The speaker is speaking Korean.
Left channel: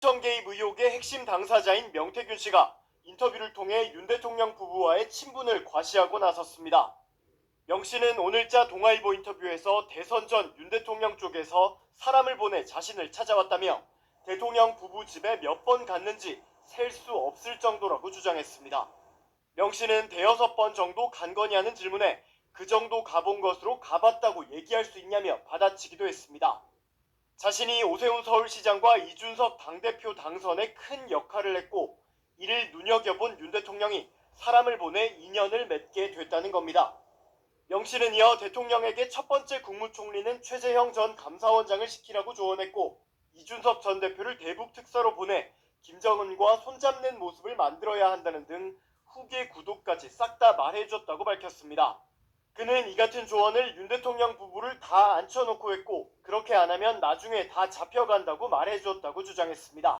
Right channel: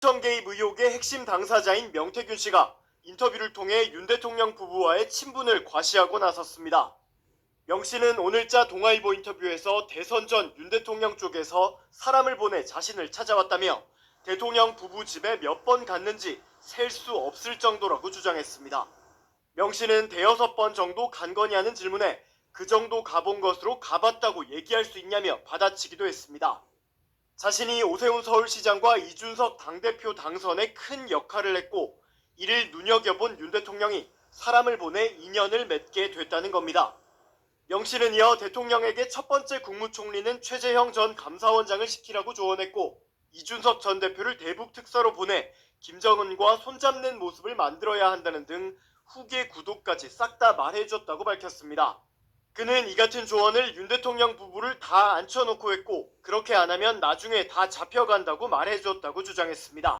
청 개입 의혹의 핵심 당사자인 명태균 씨가 인터뷰를 통해 윤 대통령 부부와의 친분을 과시하고 나섰습니다. 명 씨는 오늘자 동아일보 인터뷰에서 대선 전 윤 대통령 쪽에서 사람을 보내 자신을 찾아왔다며 대통령 부부 집에 몇 번 갔는지 셀 수 없을 정도라고 주장했습니다. 명 씨는 대여섯 번 정도 간 거냐는 질문에 그 정도 가본 것으로 가봤다고 얘기할 수 있냐며 받아치기도 했습니다. 자신이 오세훈 서울시장과 이준석 당대표 당선에 큰 역할을 했고 이를 눈여겨본 윤 대통령이 사람을 보내 인연을 맺게 됐다는 겁니다. 명 씨는 이어 대통령에게 첫 번째 국무총리는 최재형 전 감사원장을 시키라고 조언했고 이준석 전 대표를 대북 특사로 보내 김정은과 손잡는 모습을 만들어야 한다는 등 후계 구도까지 싹 다 말해줬다고 밝혔습니다. 그는 이 같은 조언을 윤 대통령 부부를 다 앉혀놓고 했고 그렇게 안 하면 나중에 다 잡혀간다고 말해줬다고 주장했습니다.